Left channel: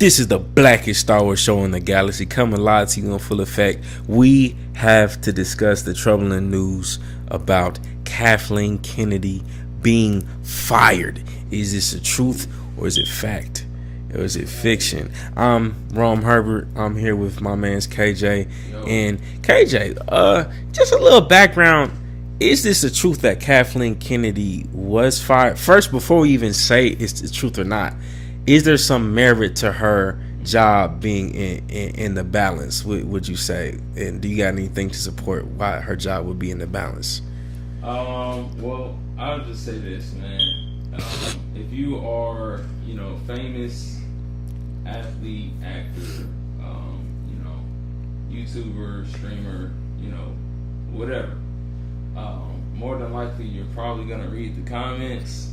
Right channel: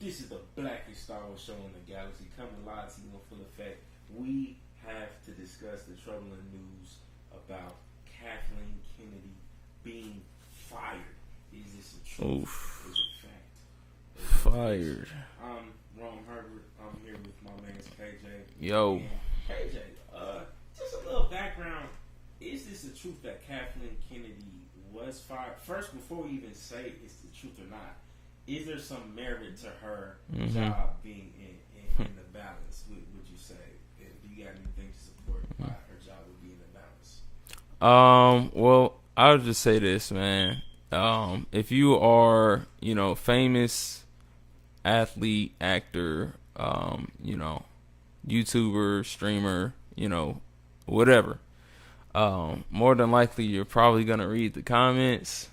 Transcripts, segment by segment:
This is the blackest Star Wars show in the galaxy, coming live to you in full effect. We have to discuss the troubling news about Kathleen Kennedy being fired. Is this the truth or is it fact? Or is it fiction? I'm Romeherbert. I'm here with my man's KJ. Yo. And KJ, just a little background. Is this the truth that Kathleen Kennedy was fired? First, before we even say it's the truth or not, is there some merit to her job being in the balance, would you say? And do you got anything to support why her job would be in the balance? Well, I would just say this, man. If you are, famous athlete, actor, YouTuber, streamer, whatever, more than likely you're probably gonna read the comments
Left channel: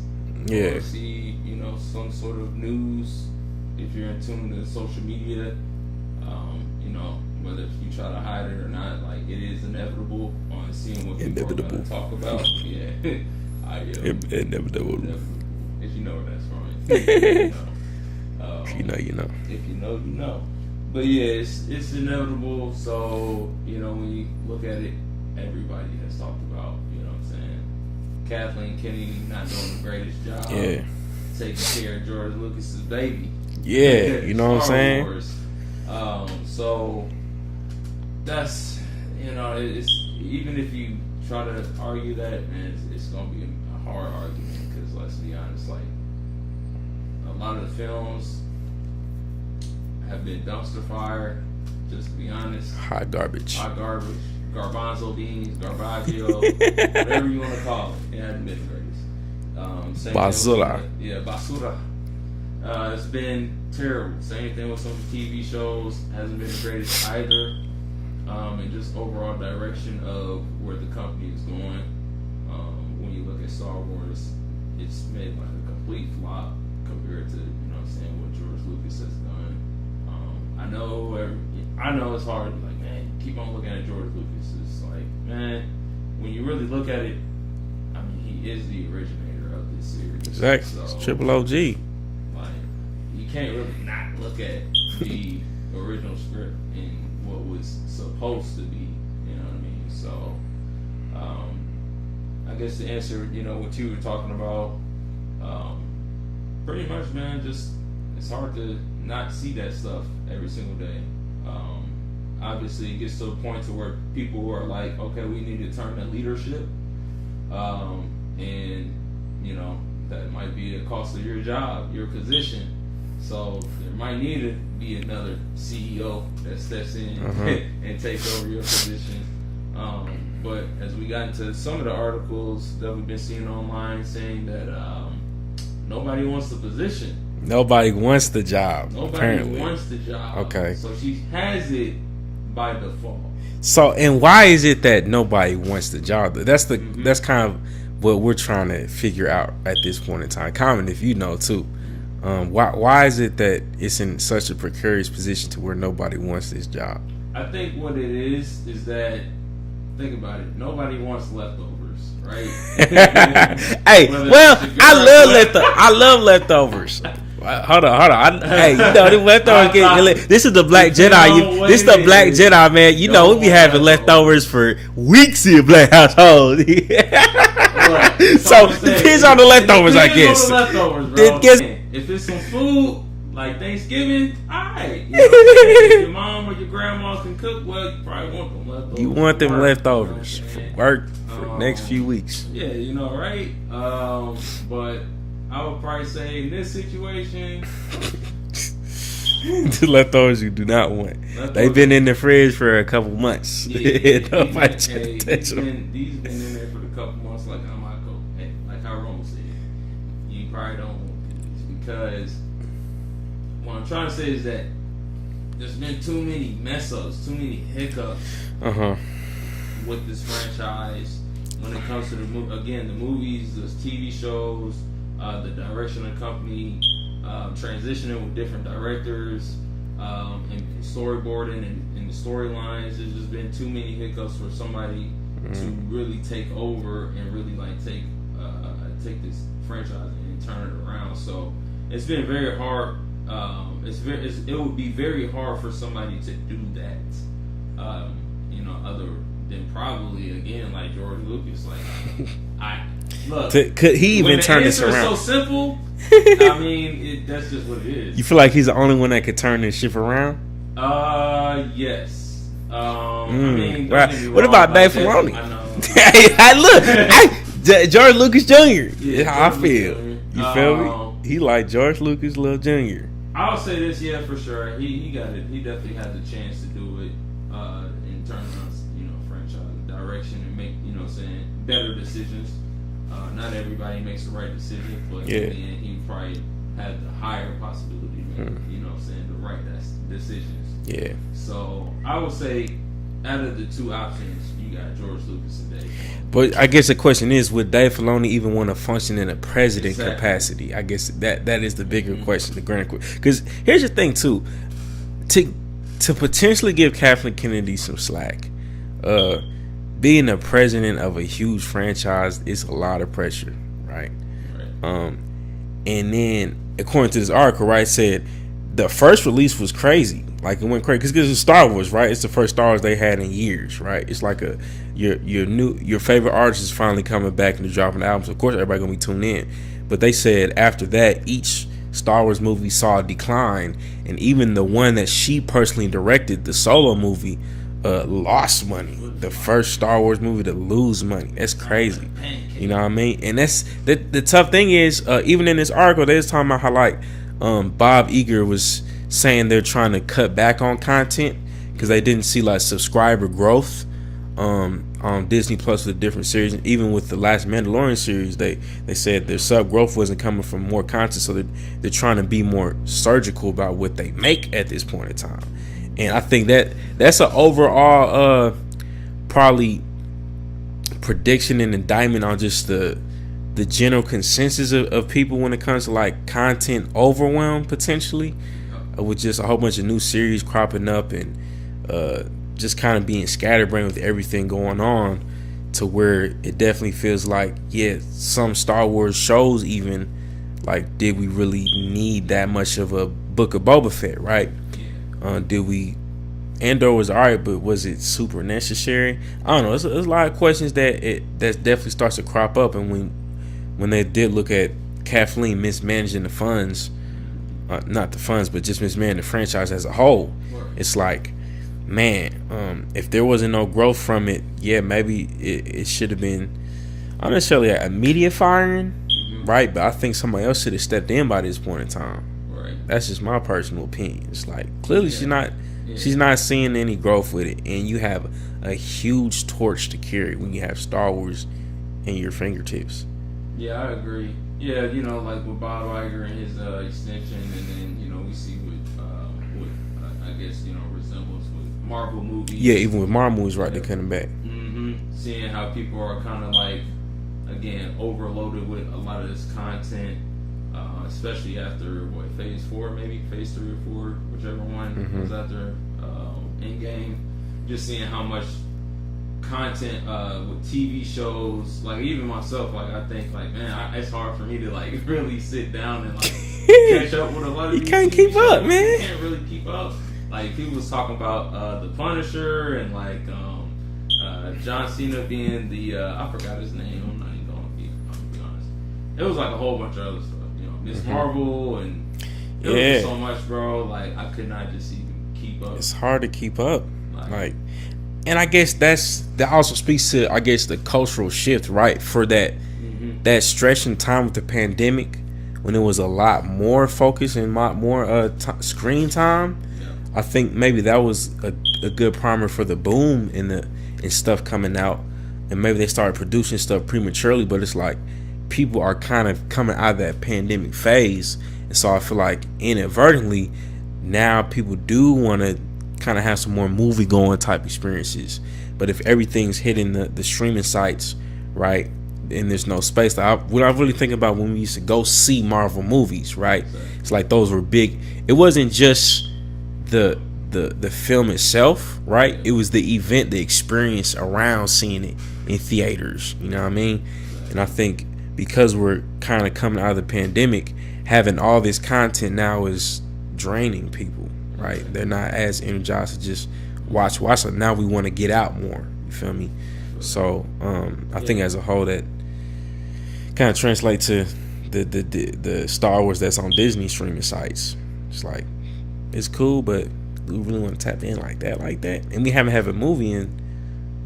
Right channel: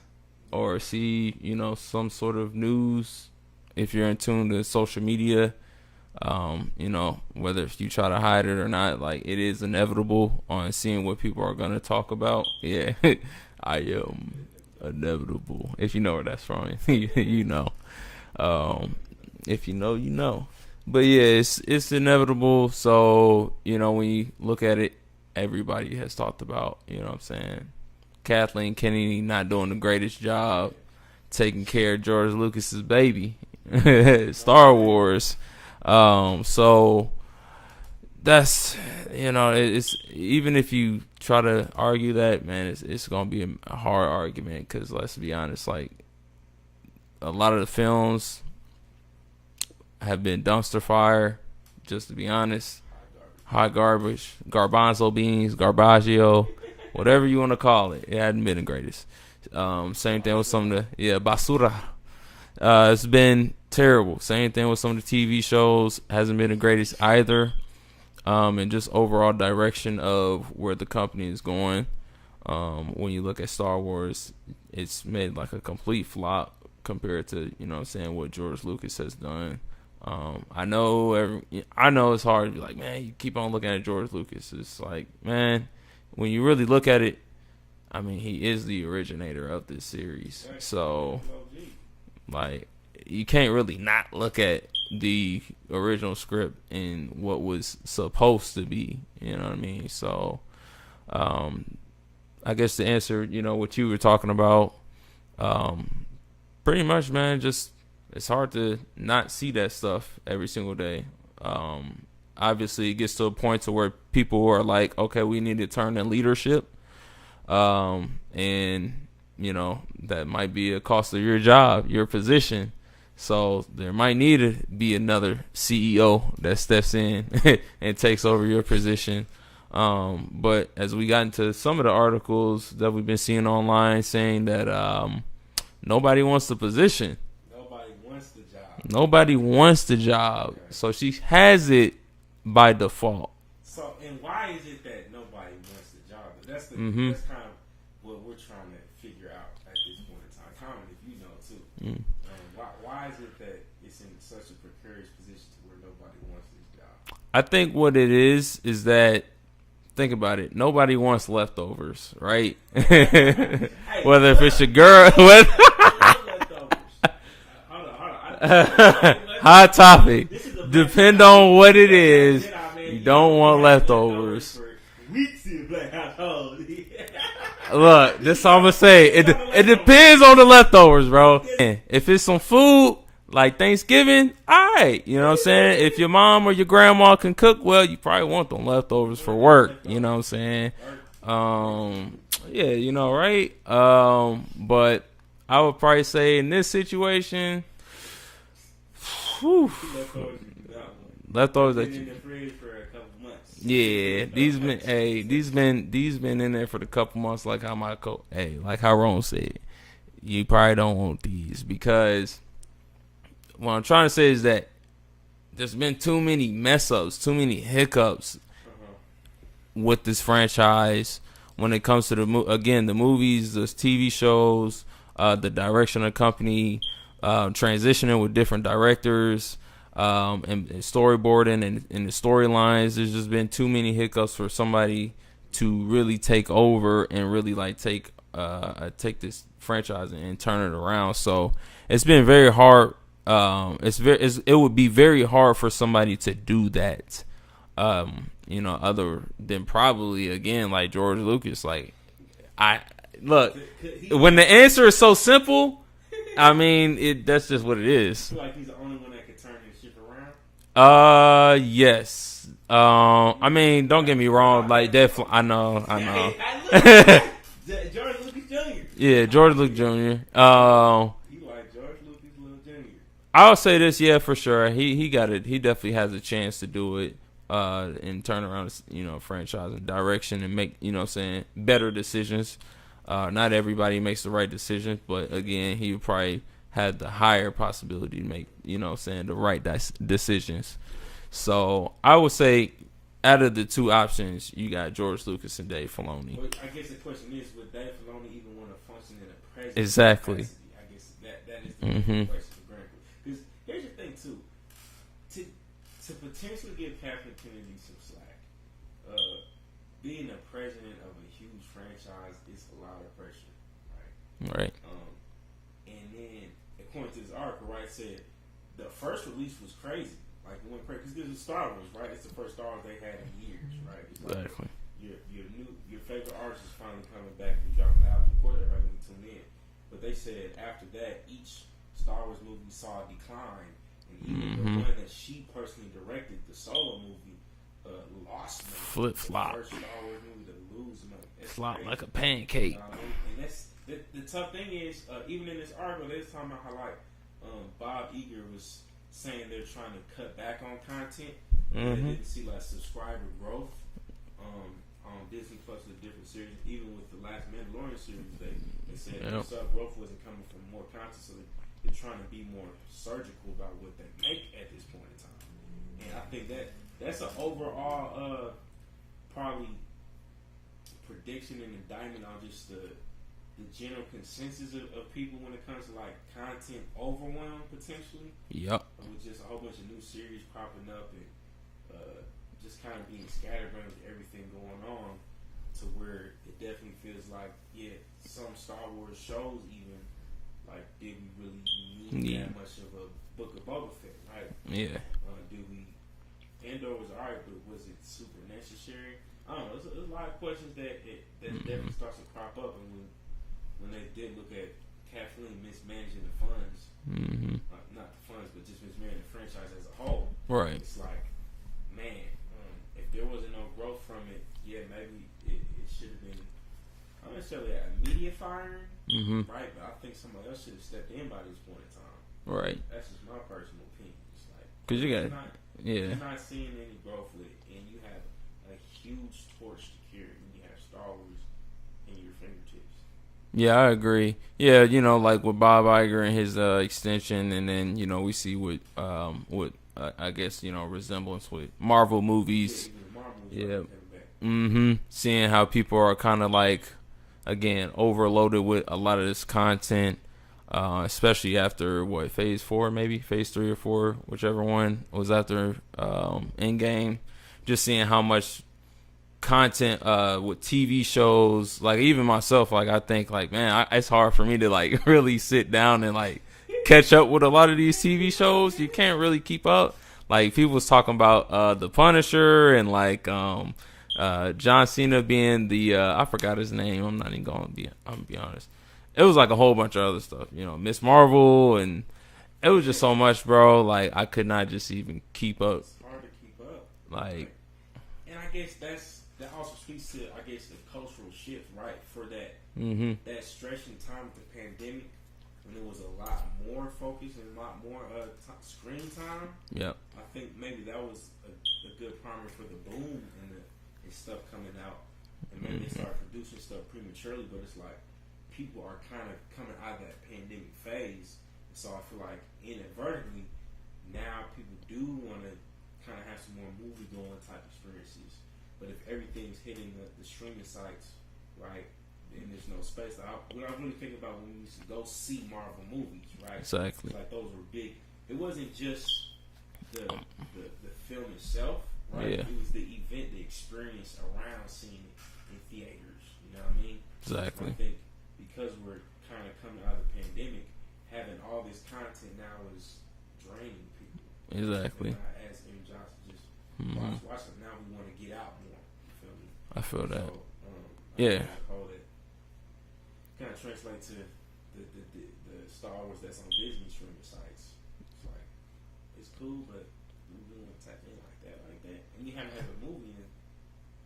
or see, some sort of news. If you're in tune to social media, whether if you try to hide it or not, like, it is inevitable on seeing what people are gonna talk about. Yeah. Inevitable. If you know where that's from, you know. You know. If you know, you know. But yeah, it's inevitable. So, when you look at it, everybody has talked about, what I'm saying, Kathleen Kennedy not doing the greatest job taking care of George Lucas's baby. Yeah, Star Wars. So that's, it's, even if you try to argue that, man, it's gonna be a hard argument, because let's be honest, like, a lot of the films have been dumpster fire, just to be honest. Hot garbage, garbanzo beans, garbaggio, whatever you want to call it. It hasn't been the greatest. Same thing with some of the, basura. It's been terrible. Same thing with some of the TV shows. Hasn't been the greatest either. And just overall direction of where the company is going. When you look at Star Wars, it's made like a complete flop compared to, what George Lucas has done. I know it's hard to be like, man, you keep on looking at George Lucas. It's like, man, when you really look at it, I mean, he is the originator of this series. Exactly. So, Triple OG. Like, you can't really not look at the original script and what was supposed to be. You know what I mean? So, I guess to answer, what you were talking about, pretty much, man, just, it's hard to not see that stuff every single day. Obviously, it gets to a point to where people are like, okay, we need to turn to leadership. And, that might be a cost of your job, your position. So there might need to be another CEO that steps in and takes over your position. But as we got into some of the articles that we've been seeing online saying that nobody wants the position. Nobody wants the job. Wants the job. Okay. So she has it by default. So, and why is it that nobody wants the job? That's that's kind of what we're trying to figure out at this point in time. Comment if you know too. Why is it that it's in such a precarious position to where nobody wants this job? I think what it is that, think about it, nobody wants leftovers, right? Hey, whether it's your girl, I love leftovers. Hold on. Hey, the leftovers. This is the Black Jedi. This is the Black Jedi, man. We be having leftovers for weeks in Black household. Look, it's all to say. Depends on the leftovers. It depends on the leftovers, bro. If it's some food like Thanksgiving, alright. You know what I'm saying? If your mom or your grandma can cook well, you probably want them leftovers. You want for them work, leftovers. You know what I'm saying? Work for the next few weeks. Yeah, right? But I would probably say in this situation, the leftovers you do not want. They've been in the fridge for a couple months. Yeah, these been in there for a couple months. Like how like how Rome said, you probably don't want these, because what I'm trying to say is that there's been too many mess ups, too many hiccups with this franchise when it comes to the movies, the TV shows. The direction of the company, transitioning with different directors, and storyboarding and the storylines. There's just been too many hiccups for somebody to really take over and really like take this franchise and turn it around. So it's been very hard it would be very hard for somebody to do that. Other than probably again like George Lucas. Like could he when the answer is so simple. I mean, that's just what it is. You feel like he's the only one that could turn this ship around? Yes. I mean, don't get me wrong. What about Dave Filoni? I know. George Lucas Jr. Yeah, George Lucas Jr. You feel me? He like George Lucas little Jr. I'll say this, yeah, for sure. He got it. He definitely has a chance to do it and turn around, franchise and direction and make, better decisions. Not everybody makes the right decision, but again, he probably had the higher possibility to make, the right decisions. Yeah. So I would say, out of the two options, you got George Lucas and Dave Filoni. But I guess the question is, would Dave Filoni even want to function in a president capacity? I guess that is the bigger question, the grand question. Because here's the thing too, to potentially give Kathleen Kennedy some slack, being a president of a huge franchise is a lot of pressure, right? Right. And then according to this article, right, said the first release was crazy. Like, it went crazy because it's Star Wars, right? It's the first Star Wars they had in years, right? It's like your favorite artist is finally coming back and they're dropping albums. Of course, everybody gonna be tuned in. But they said after that, each Star Wars movie saw a decline, and even the one that she personally directed, the Solo movie, lost money. The first Star Wars movie to lose money. That's crazy. You know what I mean? And that's the tough thing is, even in this article, they was talking about how like Bob Iger was saying they're trying to cut back on content because they didn't see like subscriber growth on Disney Plus with different series. And even with the last Mandalorian series, they said their sub growth wasn't coming from more content, so they're trying to be more surgical about what they make at this point in time. And I think that's an overall probably prediction and indictment on just the general consensus of people when it comes to like content overwhelm potentially. With just a whole bunch of new series cropping up and just kind of being scatterbrained with everything going on, to where it definitely feels like, some Star Wars shows even, like, did we really need that much of a Book of Boba Fett, right? Did we? Andor was alright, but was it super necessary? I don't know. There's a lot of questions that definitely starts to crop up, and when they did look at Kathleen mismanaging the funds. Not the funds, but just mismanaging the franchise as a whole. Right. It's like, man, if there wasn't no growth from it, maybe it should have been not necessarily a media firing, right? But I think somebody else should have stepped in by this point in time. Right. That's just my personal opinion. It's like, clearly she's not seeing any growth with it, and you have a huge torch to carry when you have Star Wars in your fingertips. Yeah, I agree. Yeah, like with Bob Iger and his extension, and then we see with I guess resemblance with Marvel movies. Yeah, even with Marvel movies, right? They're coming back. Seeing how people are kind of like, again, overloaded with a lot of this content, especially after phase 4, maybe phase 3 or 4, whichever one was after Endgame. Just seeing how much content with TV shows, like even myself, like I think like, man, it's hard for me to like really sit down and like catch up with a lot of these TV shows. You can't really keep up. Like people was talking about The Punisher and like John Cena being the I forgot his name. I'm not even gonna be honest. It was like a whole bunch of other stuff, Miss Marvel, and it was just so much, bro. Like I could not just even keep up. It's hard to keep up. Like and I guess that also speaks to, I guess, the cultural shift, right? For that stretch in time with the pandemic, when it was a lot more focus and more screen time. Yeah. I think maybe that was a good primer for the boom in stuff coming out, and maybe they started producing stuff prematurely. But it's like people are kind of coming out of that pandemic phase, and so I feel like inadvertently now people do want to kind of have some more movie going type experiences. But if everything's hitting the streaming sites, right, and there's no space, like what I really think about when we used to go see Marvel movies, right? Exactly. It's like those were big. It wasn't just the film itself, right? Yeah. It was the event, the experience around seeing it in theaters. You know what I mean? Exactly. And I think because we're kind of coming out of the pandemic, having all this content now is draining people. Right? Yeah. They're not as energized to just watch. So now we want to get out more. You feel me? So I think as a whole that kind of translate to the Star Wars that's on Disney streaming sites. It's like it's cool, but we really want to tap in like that, and we haven't had a movie in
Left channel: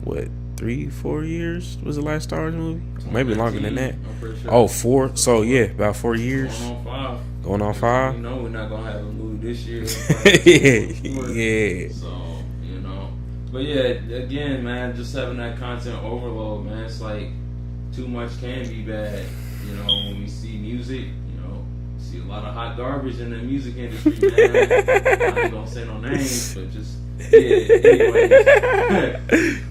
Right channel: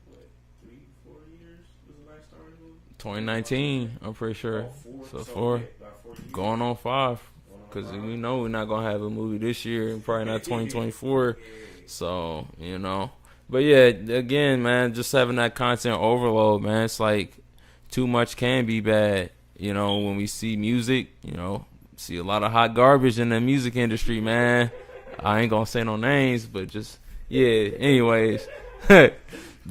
what 3-4 years was the last Star Wars movie, maybe longer than that. I'm pretty sure. Oh, 4. So yeah, about 4 years. Going on 5. We know we're not gonna have a movie this year. Probably 2024. Yeah. So but yeah, again, man, just having that content overload, man, it's like too much can be bad. When we see music, see a lot of hot garbage in the music industry, man. I ain't gonna say no names, but just anyways,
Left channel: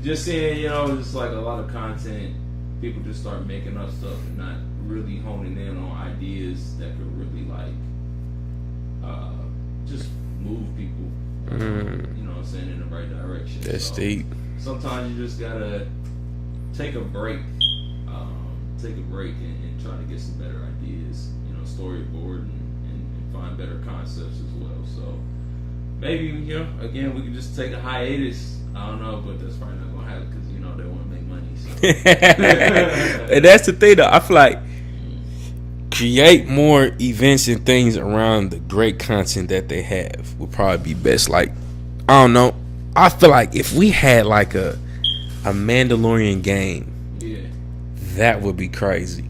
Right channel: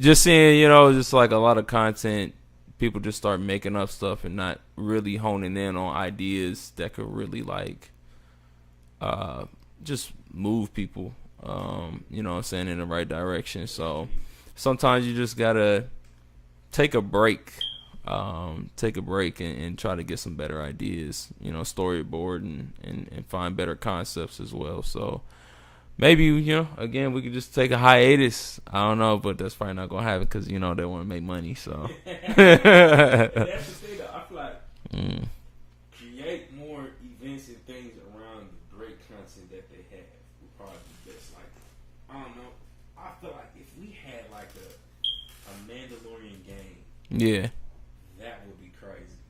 just seeing, just like a lot of content, people just start making up stuff and not really honing in on ideas that could really like just move people, you know what I'm saying, in the right direction. That's so deep. Sometimes you just gotta take a break. And try to get some better ideas, storyboard and find better concepts as well. So maybe, again, we could just take a hiatus. I don't know, but that's probably not going to happen because, they want to make money. So and that's the thing, though. I feel like create more events and things around the great content that they have would probably be best. Like, I don't know. I feel like if we had like a Mandalorian game. Yeah. That would be crazy.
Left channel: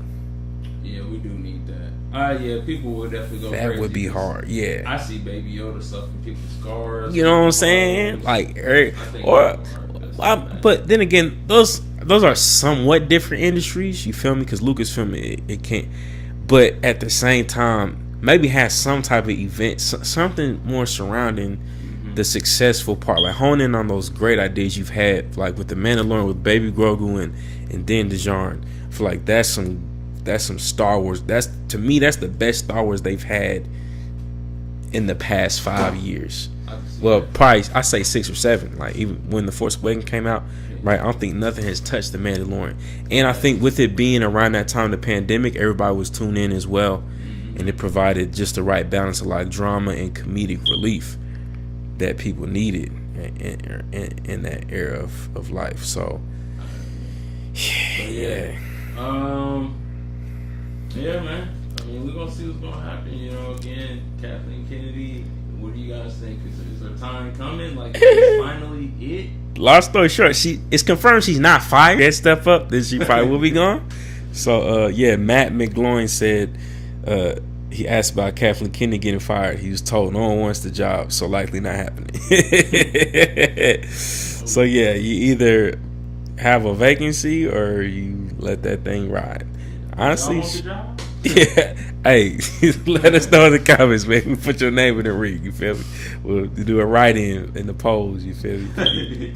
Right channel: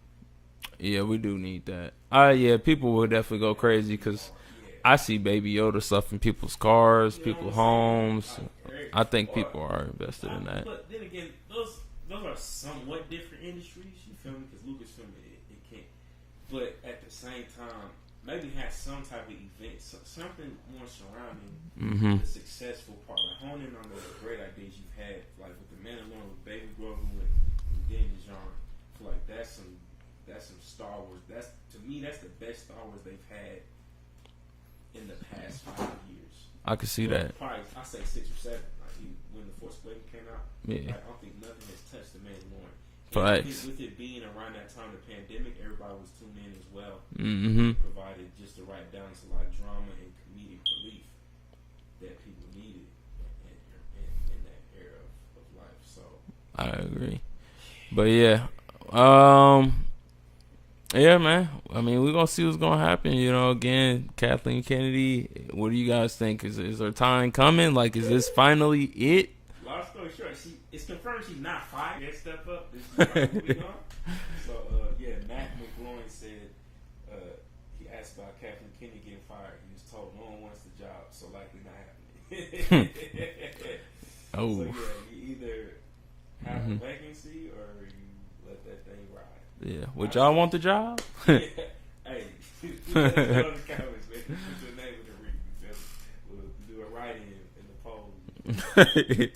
Yeah, we do need that. Yeah, people would definitely go crazy. That would be hard. Yeah, I see Baby Yoda stuff in people's cars. You know what I'm saying? Like, I think people are. But then again, those are somewhat different industries. You feel me? Because Lucasfilm it can't. But at the same time, maybe have some type of event, something more surrounding the successful part. Like hone in on those great ideas you've had, like with the Mandalorian, with Baby Grogu and Din Djarin. I feel like that's some Star Wars. To me, that's the best Star Wars they've had in the past 5 years. I can see well, that. Probably I say 6 or 7. Like even when the Force Awakens came out, right? I don't think nothing has touched the Mandalorian. And I think with it being around that time, the pandemic, everybody was tuned in as well, and it provided just the right balance of like drama and comedic relief that people needed in that era of life. So I agree. But yeah, man. I mean, we're gonna see what's gonna happen. Again, Kathleen Kennedy. What do you guys think? Is her time coming? Like, is this finally it? Long story short, it's confirmed she's not fired. Get step up, then she probably will be gone. So Matt McGloin said he asked about Kathleen Kennedy getting fired. He was told no one wants the job, so likely not happening. So you either have a vacancy or you let that thing ride. Honestly, y'all want the job? Yeah. Hey, let us know in the comments, man. Put your name in the ring. You feel me? We'll do a write-in in the polls. You feel me?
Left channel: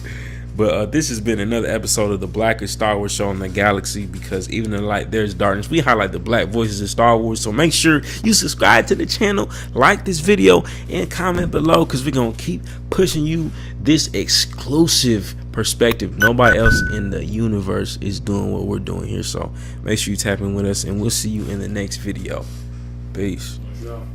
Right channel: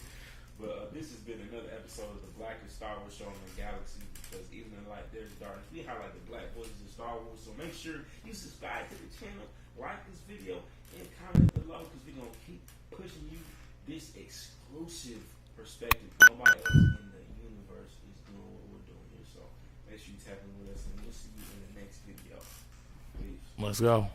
But this has been another episode of the Blackest Star Wars Show in the Galaxy, because even in the light there's darkness. We highlight the black voices of Star Wars. So make sure you subscribe to the channel, like this video, and comment below, because we're going to keep pushing you this exclusive perspective. Nobody else in the universe is doing what we're doing here. So make sure you tap in with us, and we'll see you in the next video. Peace. Let's go.